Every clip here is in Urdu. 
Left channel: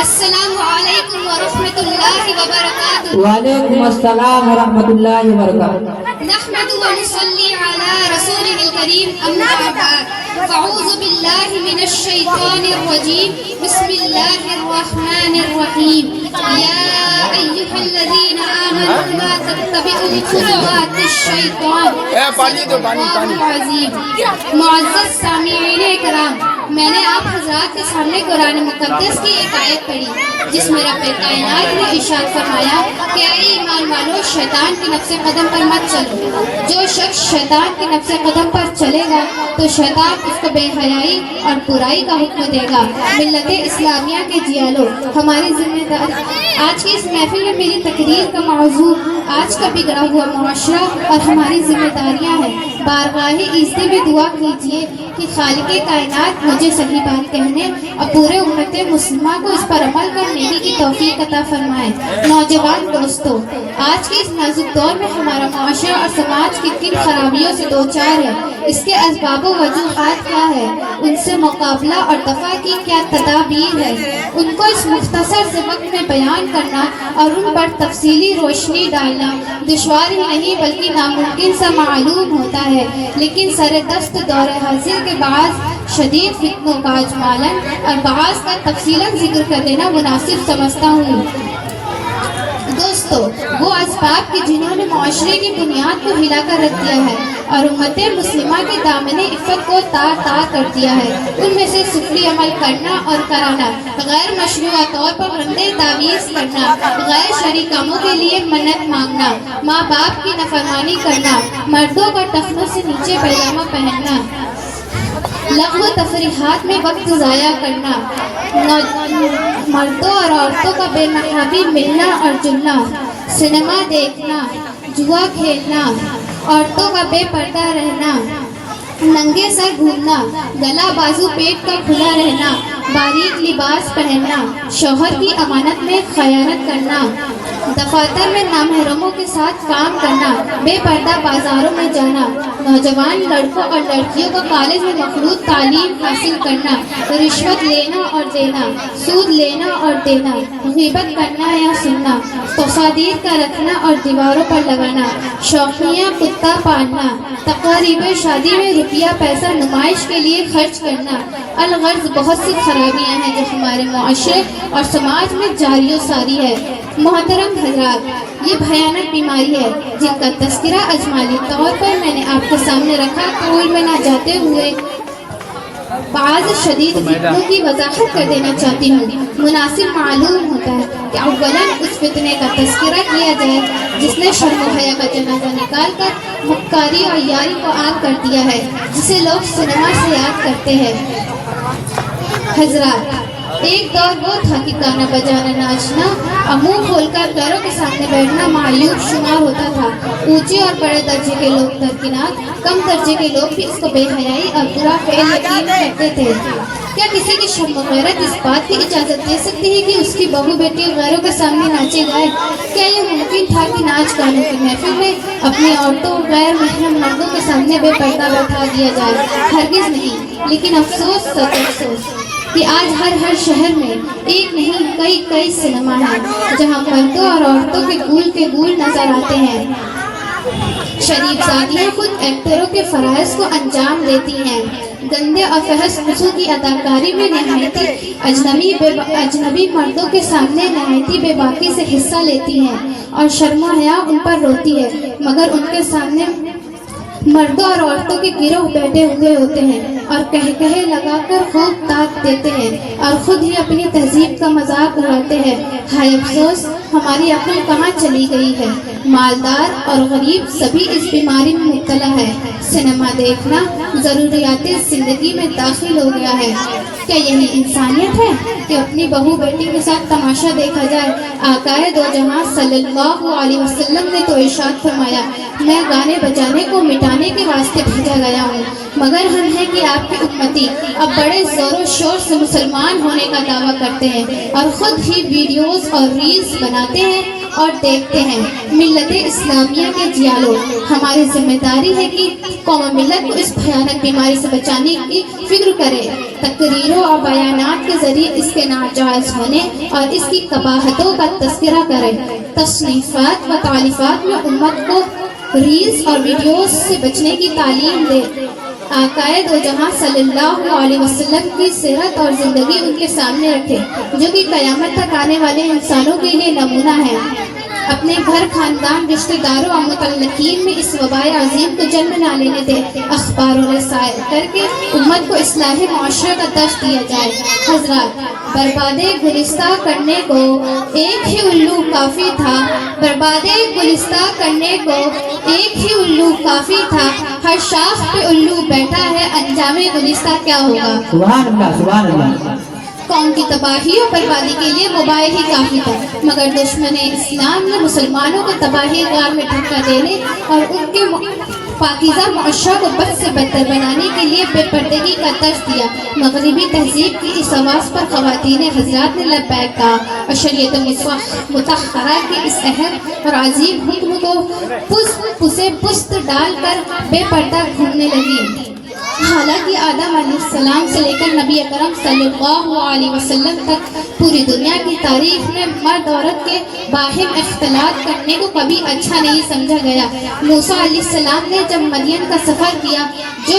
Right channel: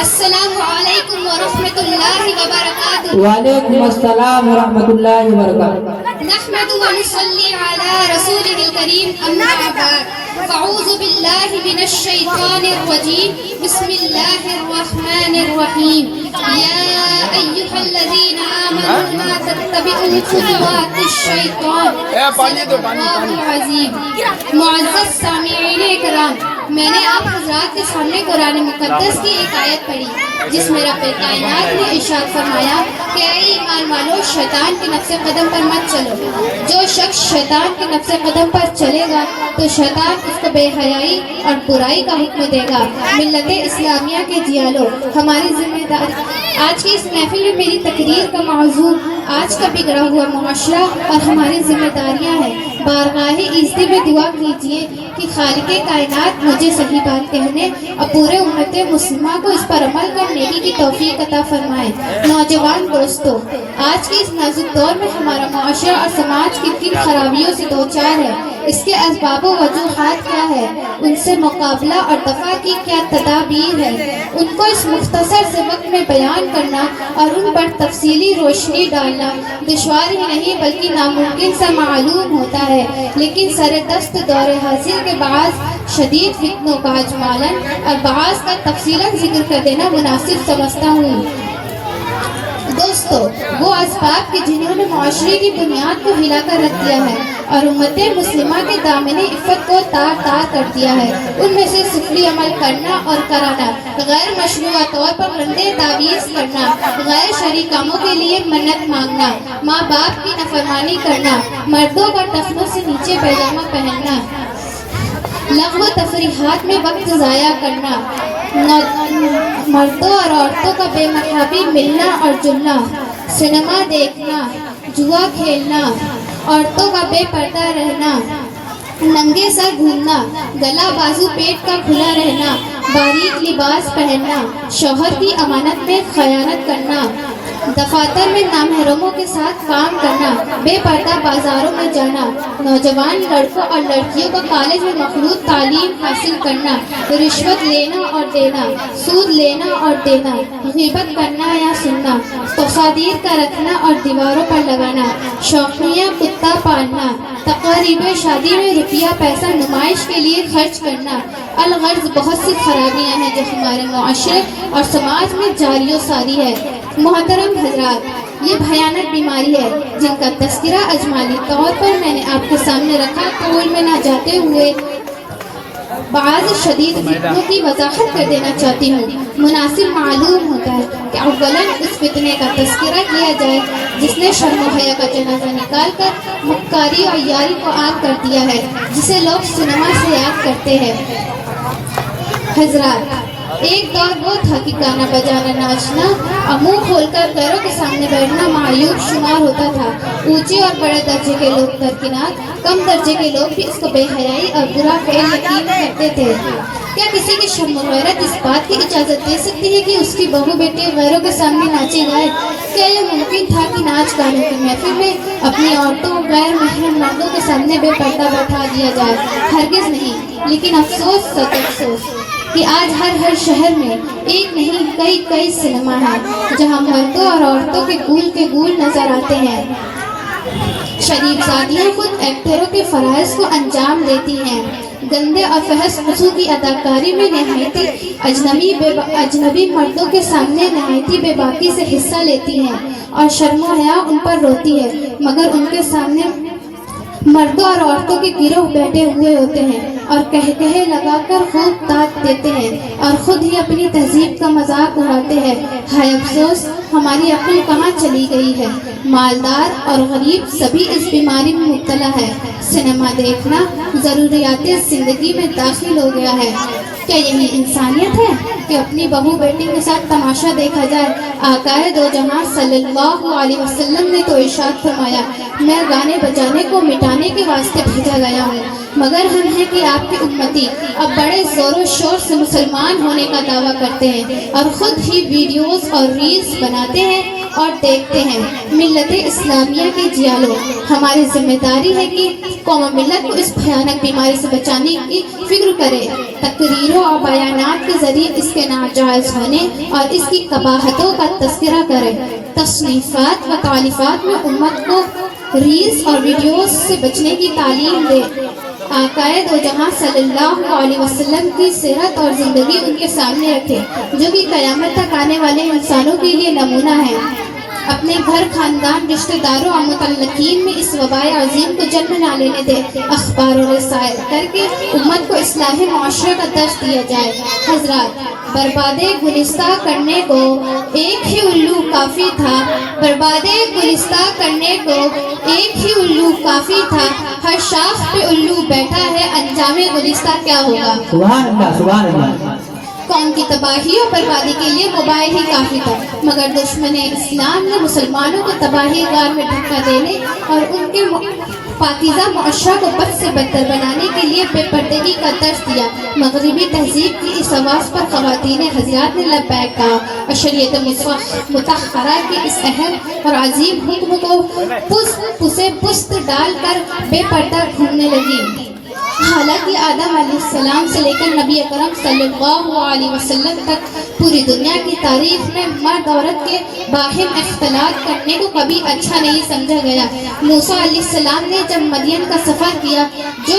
السلام علیکم ورحمۃ اللہ وبرکاتہ۔ وعلیکم السلام ورحمۃ اللہ وبرکاتہ۔ نحمد ونصلی علی رسولہ الکریم، اما بعد، فاعوذ باللہ من الشیطان الرجیم، بسم اللہ الرحمن الرحیم۔ یا ایھا الذین آمنوا لا تتبعوا خطوات الشیطان العظیم۔ معزز سامعین کرام، میں نے آپ حضرات کے سامنے قرآن مقدس کی ایک آیت پڑھی جس میں رب کائنات نے ارشاد فرمایا کہ اے ایمان والو، شیطان کے نقش قدم پر مت چلو۔ جو شخص شیطان کے نقش قدم پر چلے گا تو شیطان اس کو بے حیائی اور برائی کا حکم دے گا۔ ملت اسلامیہ کے جیالو، ہماری ذمہ داری آج کی اس محفل میں میری تقریر کا موضوع آج کا بگڑا ہوا معاشرہ اور ہماری ذمہ داریاں ہیں۔ بارگاہ ایزدی میں دعا کیجیے کہ خالق کائنات مجھے صحیح بات کہنے اور پورے امت مسلمہ کو اس پر عمل کرنے کی توفیق عطا فرمائے۔ نوجوان دوستو، آج کے اس نازک دور میں ہمارا معاشرہ اور سماج کن خرابیوں سے دوچار ہے۔ اس کے اسباب و وجوہات کیا ہے، ان سے مقابلہ اور دفع کی کیا تدابیر ہے، ان کو اس مختصر سے وقت میں بیان کرنا اور ان پر تفصیلی روشنی ڈالنا دشوار ہی نہیں بلکہ ناممکن سا معلوم ہوتا ہے، لیکن سر دست دور حاضر کے بعض شدید فتنوں کا اجمالاً اور بعض کا تفصیلاً ذکر کر دینا مناسب سمجھتا ہوں۔ دوستو، وہ اسباب کہ جنہوں نے معاشرے کی بنیاد کو ہلا کر رکھ دیا ہے اور امت مسلمہ کے دامن عفت کو تار تار کر دیا ہے، ان میں سے سفلی عمل کرنا اور کرانا، غیر مشروع طور پر رندے تعویذ کرنا، غیر شرعی کاموں کے لیے منت مانگنا، ماں باپ کی نافرمانی کرنا، مردوں اور ٹخنوں سے نیچے پیجامہ پہننا، لغو تفریحات میں وقت ضائع کرنا، مردوں اور عورتوں کا بے محابی ملنا اور جلنا، سنیما دیکھنا، جوا کھیلنا، عورتوں کا بے پردہ رہنا، ننگے سر گھومنا، گلا بازو پیٹ کا کھلا رہنا، باریک لباس پہننا، شوہر کی امانت میں خیانت کرنا، دفاتر میں نامحرموں کے ساتھ کام کرنا، بے پردہ بازاروں میں جانا، نوجوان لڑکوں اور لڑکیوں کو کالج میں مخلوط تعلیم حاصل کرنا، رشوت لینا اور دینا، سود لینا اور دینا، غیبت کرنا یا سننا، تصادیر کا رکھنا اور دیواروں پر لگانا، شوقیہ کتا پالنا، تقریب شادی میں روپیہ پیسہ نمائش کے لیے خرچ کرنا، الغرض بہت سی خرابیاں ہیں جو ہمارے معاشرے اور سماج میں جاری و ساری ہے۔ محترم حضرات، یہ بھیانک بیماری ہے جن کا تذکرہ اجمالی طور پر میں نے آپ کے سامنے رکھا، طول میں نہ جاتے ہوئے بعض شدید فتنوں کی وضاحت کر دینا چاہتی ہوں۔ مناسب معلوم ہوتا ہے کہ اولاً اس فتنے کا تذکرہ کیا جائے جس نے شرم و حیا کا جنازہ نکال کر مکاری اور یاری کو عام کر دیا ہے، جسے لوگ سنیما سے یاد کرتے ہیں۔ حضرات، ایک دور وہ تھا کہ گانا بجانا ناچنا اور منہ کھول کر پیروں کے سامنے بیٹھنا معیوب شمار ہوتا تھا۔ اونچے اور بڑے درجے کے لوگ درکنار، کم درجے کے لوگ بھی اس کو بے حیائی اور برا فعل یقین کرتے تھے۔ کیا کسی کی شرم و غیرت اس بات کی اجازت دے سکتی ہے کہ اس کی بہو بیٹی غیروں کے سامنے ناچے گائے؟ کیا یہ ممکن تھا کہ ناچ گانے کی محفل میں اپنی عورتوں اور غیر محرم مردوں کے سامنے بے پردہ بیٹھا دیا جائے؟ ہرگز نہیں۔ لیکن افسوس سچ افسوس کہ آج ہر شہر میں ایک نہیں کئی سنیما ہیں جہاں مردوں اور عورتوں کے گول نظر آتے ہیں۔ شریف زادیاں خود ایکٹروں کے فرائض کو انجام دیتی ہیں، گندے اور فحش قسم کی اداکاری میں نہایتی اجنبی مردوں کے سامنے نہایتی بے باکی سے حصہ لیتی ہیں اور شرم و حیا ان پر روتی ہے، مگر ان کے سامنے مردوں اور عورتوں کے گروہ بیٹھے ہوئے ہوتے ہیں اور کہے لگا کر خود تاک دیتے ہیں اور خود ہی اپنی تہذیب کا مذاق اڑاتے ہیں۔ ہائے افسوس، ہماری عقل کہاں چلی گئی ہے؟ مالدار اور غریب سبھی اس بیماری میں مبتلا ہے۔ سنیما دیکھنا ضروریات زندگی میں داخل ہو گیا ہے۔ کیا یہی انسانیت ہے کہ اپنی بہو بیٹی کے ساتھ تماشا دیکھا جائے؟ آقائے دو جہاں صلی اللہ علیہ وسلم نے تو ارشاد فرمایا، میں گانے بجانے کو مٹانے کے واسطے بھیجا گیا ہوں، مگر ہم ہیں کہ آپ کی امتی اب بڑے زور و شور سے مسلمان ہونے کا دعویٰ کرتے ہیں اور خود ہی ویڈیوز اور ریلز بناتے ہیں اور دیکھتے ہیں۔ ملت اسلامیہ کے جیالو، ہماری ذمہ داری ہے کہ قوم ملت کو اس بھیانک بیماری سے بچانے کی فکر کرے، تقریروں اور بیانات کے ذریعے اس کے ناجائز ہونے اور اس کی قباحتوں کا تذکرہ کرے، تصنیفات و تالیفات میں امت کو ریلز اور ویڈیوز سے بچنے کی تعلیم دے، آقائے دو جہاں صلی اللہ علیہ وسلم کی سیرت اور زندگی ان کے سامنے رکھے جو کہ قیامت تک آنے والے انسانوں کے لیے نمونہ ہے۔ اپنے گھر، خاندان، رشتہ داروں اور متعلقین میں اس وبائے عظیم کو جنم نہ لینے دے، اخبار و رسائل کر کے امت کو اصلاح معاشرہ کا درس دیا جائے۔ حضرات، بربادِ گلستہ کرنے کو ایک ہی الو کافی تھا، بربادِ گلستہ کرنے کو ایک ہی الو کافی تھا، ہر شاخ پہ الو بیٹھا ہے، انجام گلستہ کیا ہوگا؟ سبحان اللہ، سبحان اللہ۔ قوم کی تباہی اور بربادی کے لیے موبائل ہی کافی تھا، مگر دشمن اسلام نے مسلمانوں کو تباہی غار میں دھکا دینے اور ان کے پاکیزہ معاشرہ کو بد سے بدتر بنانے کے لیے بے پردگی کا درس دیا۔ مغربی تہذیب کی اس آواز پر خواتین حضرات نے لبیک کہا اور شریعت مطہرہ کے اس اہم اور عظیم حکم کو پست ڈال کر بے پردہ گھومنے لگی۔ حالانکہ آدم علیہ السلام سے لے کر نبی اکرم صلی اللہ علیہ وسلم تک پوری دنیا کی تاریخ میں مرد عورت کے باہم اختلاط کرنے کو کبھی اچھا نہیں سمجھا گیا۔ موسیٰ علیہ السلام نے جب مدین کا سفر کیا، جو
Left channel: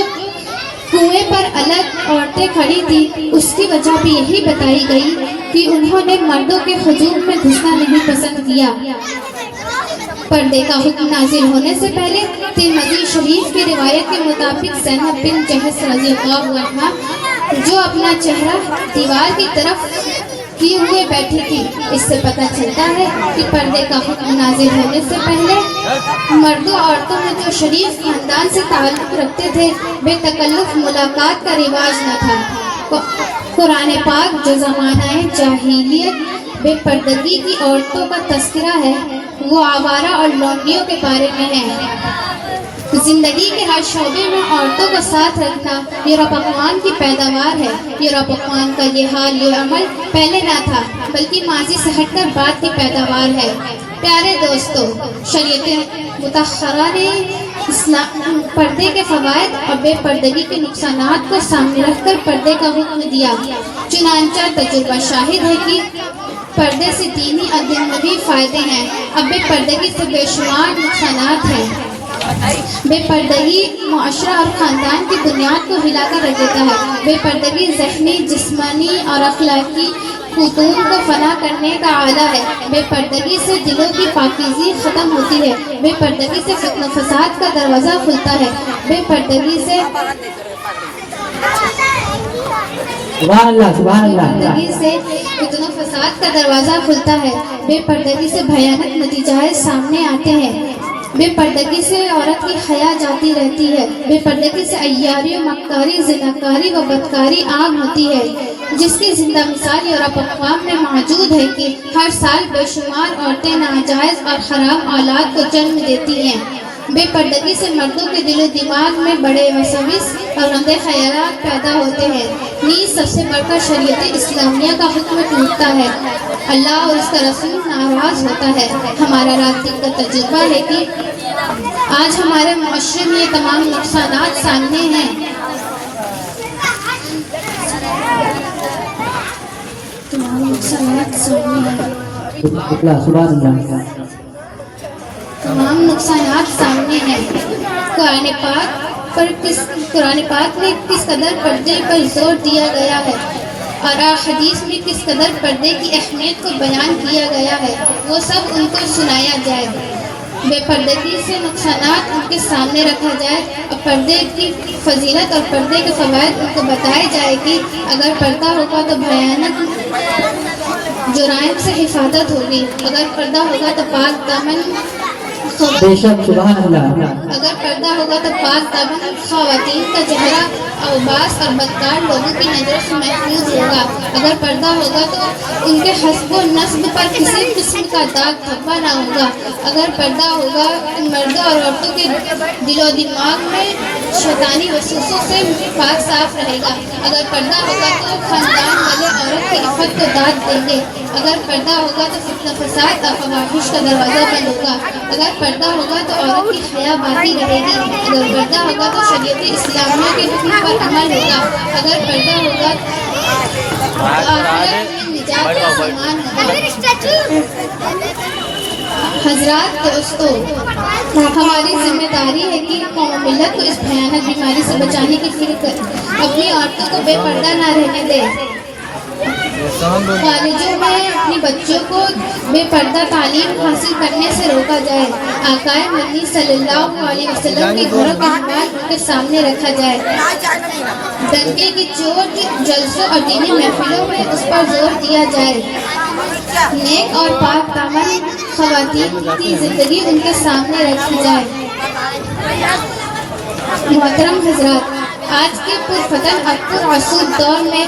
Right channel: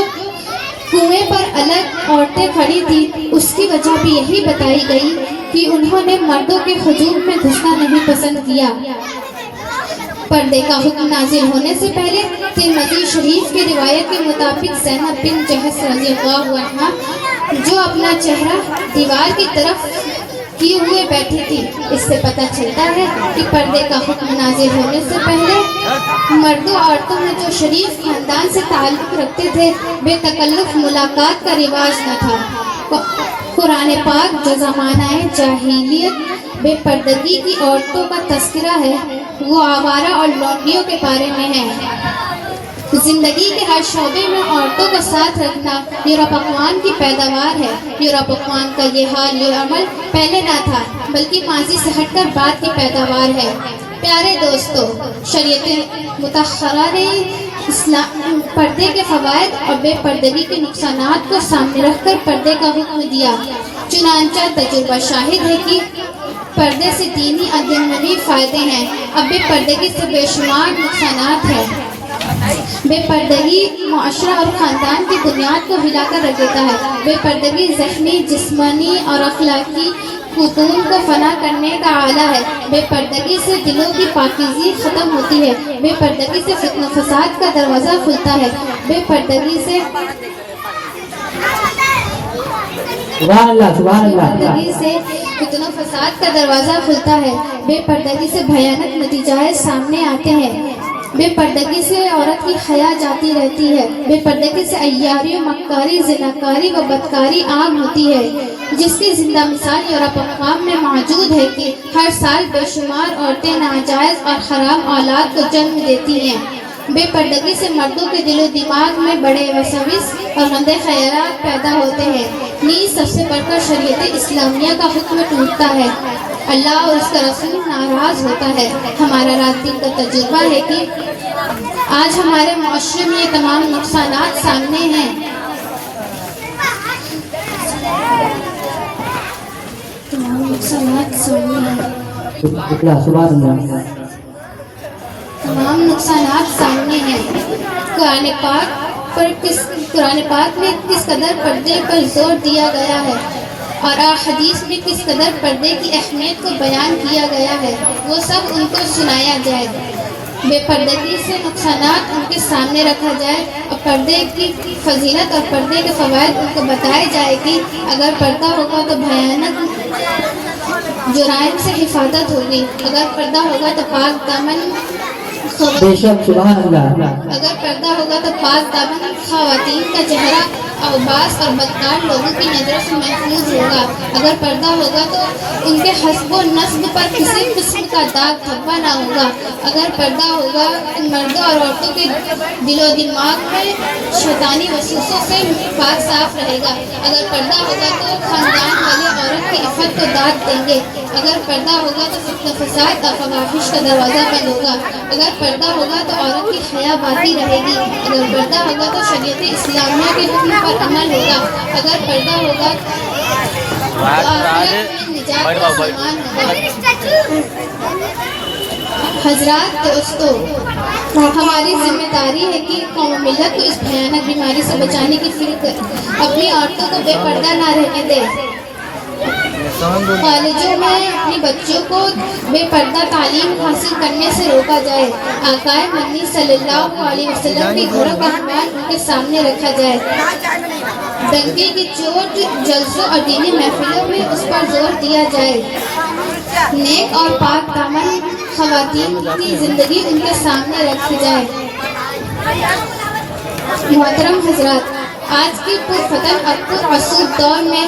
کنویں پر الگ عورتیں کھڑی تھیں، اس کی وجہ بھی یہی بتائی گئی کہ انہوں نے مردوں کے ہجوم میں گھسنا نہیں پسند کیا۔ پردے کا حکم نازل ہونے سے پہلے ترمذی شریف کی روایت کے مطابق زینب بن جحش رضی اللہ عنہا جو اپنا چہرہ دیوار کی طرف کیے ہوئے بیٹھی تھی، اس سے پتہ چلتا ہے کہ پردے کا حکم نازل ہونے سے پہلے مردوں عورتوں میں جو شریف خاندان سے تعلق رکھتے تھے بے تکلف ملاقات کا رواج نہ تھا۔ قرآن پاک جو زمانہ جاہلیت بے پردگی کی عورتوں کا تذکرہ ہے، وہ آوارہ اور لونڈیوں کے بارے میں ہے۔ زندگی کے ہر شعبے میں عورتوں کو ساتھ رکھنا یورپ اقوام کی پیداوار ہے۔ یورپ اقوام کا یہ حال، یہ عمل پہلے نہ تھا، بلکہ ماضی سے ہٹ کر بعد کی پیداوار ہے۔ پیارے دوستو، شریعت مطہرہ نے پردے کے فوائد اور بے پردگی کے نقصانات کو سامنے رکھ کر پردے کا حکم دیا۔ چنانچہ تجربہ شاہد ہے کہ پردے سے دینی اور دنیوی فائدے ہیں، اب بے پردگی سے بے شمار نقصانات ہیں۔ بے پردگی معاشرہ اور خاندان کی بنیاد کو ہلا کر رکھ دیتا ہے۔ بے پردگی ذہنی، جسمانی اور اخلاقی خطوط کو فنا کرنے کا آلہ ہے۔ بے پردگی سے دلوں کی پاکیزگی ختم ہوتی ہے۔ بے پردگی سے فتنہ فساد کا دروازہ کھلتا ہے۔ بے پردگی سے سبحان اللہ، سبحان اللہ۔ فتنہ فساد کا دروازہ کھلتا ہے۔ بے پردگی سے بھیانک نتیجے سامنے آتے ہیں۔ بے پردگی سے عورت کی حیا جاتی رہتی ہے۔ بے پردگی سے عیاری، مکاری، زناکاری و بدکاری عام ہوتی ہے، جس کی زندہ مثال یورپ اقوام میں موجود ہے کہ ہر سال بے شمار عورتیں ناجائز اور خراب اولاد کو جنم دیتی ہیں۔ بے پردگی سے مردوں کے دل و دماغ میں بڑے وسوس اور گندے خیالات پیدا ہوتے ہیں۔ نیز سب سے بڑھ کر شریعت اسلامیہ کا حکم ٹوٹتا ہے، اللہ اور اس کا رسول ناراض ہوتا ہے۔ ہمارا رات دن کا تجربہ ہے کہ آج ہمارے معاشرے میں یہ تمام نقصانات سامنے ہیں۔ تمام نقصانات سامنے ہیں۔ قرآن پاک میں کس قدر پردے پر زور دیا گیا ہے اور حدیث میں کس قدر پردے کی اہمیت کو بیان کیا گیا ہے، وہ سب ان کو سنایا جائے۔ بے پردگی سے نقصانات ان کے سامنے رکھا جائے اور پردے کی فضیلت اور پردے کے فوائد ان کو بتائے جائے کہ اگر پردہ ہوگا تو بھیانک جرائم سے حفاظت ہوگی، اگر پردہ ہوگا تو پاک دامن اگر پردہ ہوگا تو پاک دامن خواتین کا چہرہ اوباس اور بدکار لوگوں کی نظر سے محفوظ ہوگا، اگر پردہ ہوگا تو ان کے حسب و نسب پر کسی قسم کا داغ دھبا نہ ہوگا، اگر پردہ ہوگا تو مردوں اور عورتوں کے دل و دماغ میں شیطانی وسوسے سے پاک صاف رہے گا، اگر پردہ ہوگا تو خاندان والے عورت کی عفت کو داد دیں گے، اگر پردہ ہوگا تو فتنہ فساد اور فواحش کا دروازہ بند ہوگا. اگر پردہ ہوگا تو عورت کی حیا باقی رہے گی. اگر پردہ ہوگا تو شریعت اسلامیہ کے حکم پر عمل ہوگا. اگر پردہ ہوگا تو آخرت میں نجات کا سامان ہوگا. حضرات دوستو، ہماری ذمہ داری ہے کہ قوم و ملت کو اس بھیانک بیماری سے بچانے کی فکر اپنی عورتوں کو بے پردہ نہ رہنے دے. کالجوں میں اپنے بچوں کو بے پردہ تعلیم حاصل کرنے سے روکا جائے. آقا مدنی صلی اللہ علیہ وسلم کے گھروں کا احوال ان کے سامنے رکھا جائے. ڈنڈے کی چوٹ جلسوں اور دینی محفلوں میں اس پر زور دیا جائے. نیک اور پاک دامن خواتین کی زندگی ان کے سامنے رکھی جائے. محترم حضرات، آج کے پرفتن اور پرآسود دور میں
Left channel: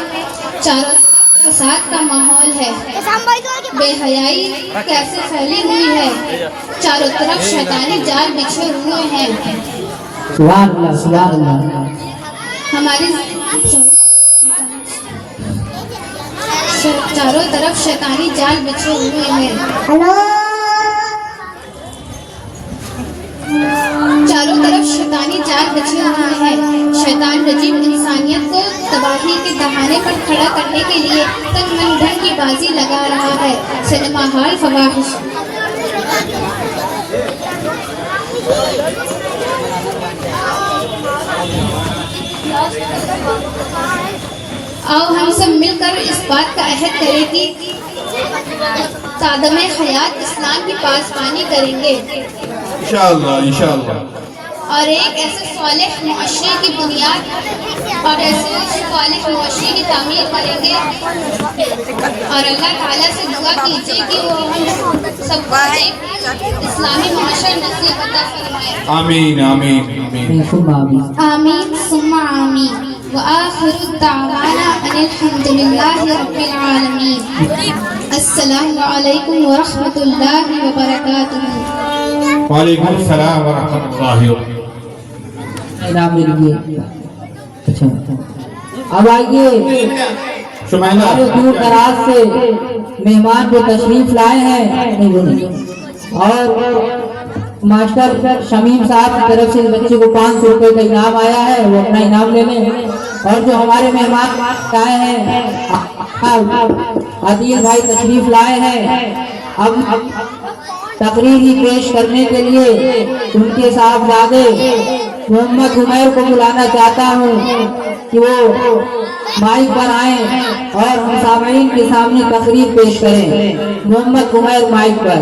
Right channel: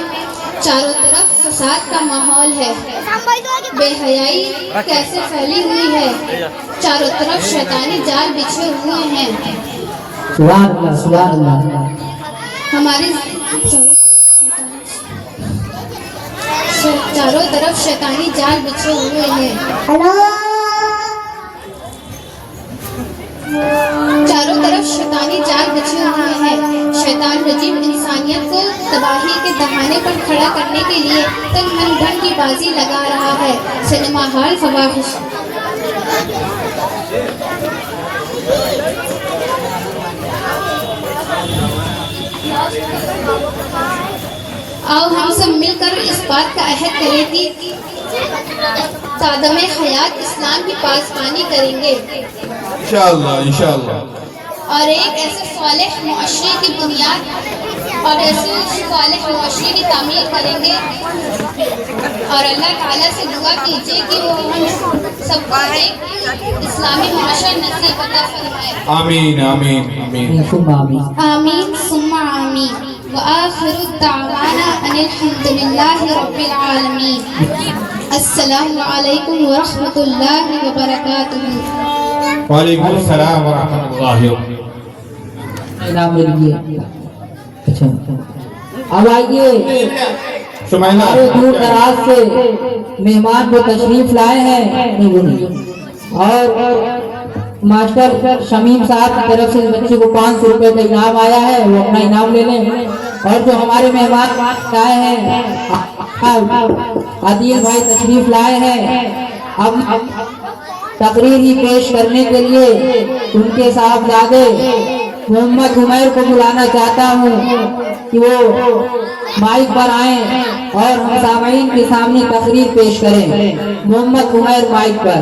چاروں طرف فساد کا ماحول ہے. بے حیائی کیسے پھیلی ہوئی ہے. چاروں طرف شیطانی جال بچھے ہوئے ہیں. سبحان اللہ سبحان اللہ. ہماری چاروں طرف شیطانی جال بچھے ہوئے ہیں. چاروں طرف شیطانی جال بچھے ہوئے ہیں. شیطان رجیم انسانیت کو تباہی کے دہانے پر کھڑا کرنے کے لیے تن من دھن کی بازی لگا رہا ہے. سنیما ہال فواحش. آؤ ہم سب مل کر اس بات کا عہد کریں کہ صادم حیات اسلام کی پاسبانی کریں گے انشاءاللہ. اور ایک ایسے صالح معاشرے کی بنیاد اور ایسے صالح معاشرے کی تعمیر کریں گے. اور اللہ تعالیٰ سے دعا کیجیے کہ وہ ہم سب کو ایک اسلامی معاشرہ نصیب عطا فرمائے. آمین آمین آمین. ثم آمین. آمین ثم آمین. وآخر دعوانا ان الحمد للہ رب العالمین. السلام علیکم ورحمۃ اللہ وبرکاتہ. وعلیکم السلام ورحمۃ اللہ وبرکاتہ. انعام لیجیے. اچھا اب آئیے، ہمارے دور دراز سے مہمان جو تشریف لائے ہیں اور ماسٹر شمیم صاحب کی طرف سے بچے کو 500 روپے کا انعام آیا ہے، وہ اپنا انعام لے لیں. اور جو ہمارے مہمان آئے ہیں عدیل بھائی تشریف لائے ہیں، اب تقریر ہی پیش کرنے کے لیے ان کے صاحبزادے محمد عمیر کو بلانا چاہتا ہوں کہ وہ مائک پر آئیں اور ہم سامعین کے سامنے تقریر پیش کریں. محمد عمیر مائک پر.